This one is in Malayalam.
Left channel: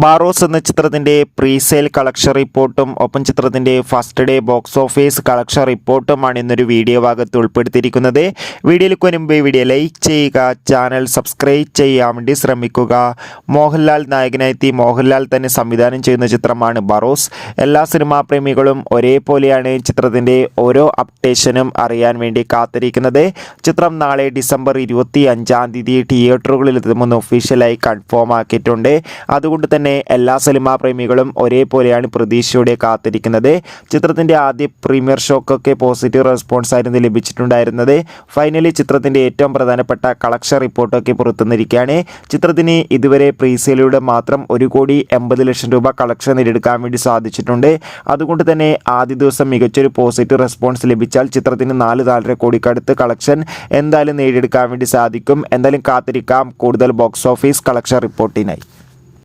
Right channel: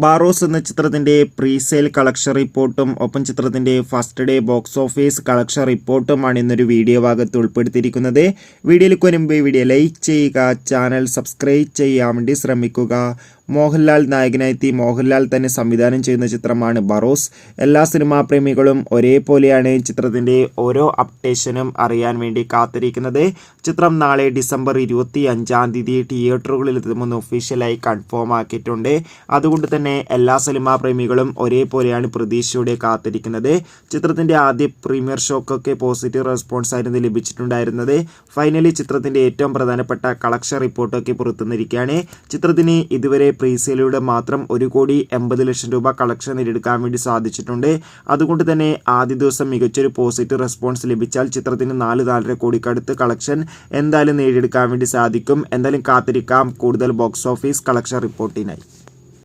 ബാറോസ് എന്ന ചിത്രത്തിൻ്റെ പ്രീസെയിൽ കളക്ഷൻ റിപ്പോർട്ടും ഒപ്പം ചിത്രത്തിൻ്റെ first day box office collection റിപ്പോർട്ടുമാണ് ഇന്നൊരു വീഡിയോ ഭാഗത്ത് ഉൾപ്പെടുത്തിയിരിക്കുന്നത്. വീഡിയോയിലേക്ക് വരുമ്പോൾ വീഡിയോ ലൈക്ക് ചെയ്യുക, ചാനൽ സബ്സ്ക്രൈബ് ചെയ്യാൻ വേണ്ടി ശ്രമിക്കുക. മോഹൻലാൽ നായകനായെത്തി മോഹൻലാൽ തന്നെ സംവിധാനം ചെയ്യുന്ന ചിത്രമാണ് ബാറോസ്. എല്ലാ സിനിമാ പ്രേമികളും ഒരേപോലെയാണ് ചിത്രത്തിൻ്റെ ഓരോ അപ്ഡേഷനും അറിയാൻ വേണ്ടി കാത്തിരിക്കുന്നത്. ചിത്രം നാളെ ഡിസംബർ 25 തിയേറ്ററുകളിൽ എത്തുമെന്ന് ഒഫീഷ്യലായി കൺഫേം ആക്കിയിട്ടുണ്ട്. അതുകൊണ്ട് തന്നെ എല്ലാ സിനിമാ പ്രേമികളും ഒരേപോലെയാണ് പ്രതീക്ഷയോടെ കാത്തിരിക്കുന്നത്. ചിത്രത്തിൻ്റെ ആദ്യ പ്രീമിയർ ഷോക്കൊക്കെ പോസിറ്റീവ് റെസ്പോൺസ് ആയിരുന്നു ലഭിച്ചിട്ടുണ്ടായിരുന്നത്. ഫൈനലി ചിത്രത്തിൻ്റെ ഏറ്റവും പ്രധാനപ്പെട്ട കളക്ഷൻ റിപ്പോർട്ടൊക്കെ പുറത്തുവന്നിരിക്കുകയാണ്. ചിത്രത്തിന് ഇതുവരെ പ്രീസെയിലൂടെ മാത്രം 1,80,00,000 രൂപ കളക്ഷൻ നേടിയെടുക്കാൻ വേണ്ടി സാധിച്ചിട്ടുണ്ട്. അതുകൊണ്ട് തന്നെ ആദ്യ ദിവസം മികച്ചൊരു പോസിറ്റീവ് റെസ്പോൺസ് ലഭിച്ചാൽ ചിത്രത്തിന് 4-4.5 കോടിക്കടുത്ത് കളക്ഷൻ എന്തായാലും നേടിയെടുക്കാൻ വേണ്ടി സാധിക്കും. എന്തായാലും കാത്തിരിക്കാം കൂടുതൽ ബോക്സ് ഓഫീസ് കളക്ഷൻ റിപ്പോർട്ടിനായി.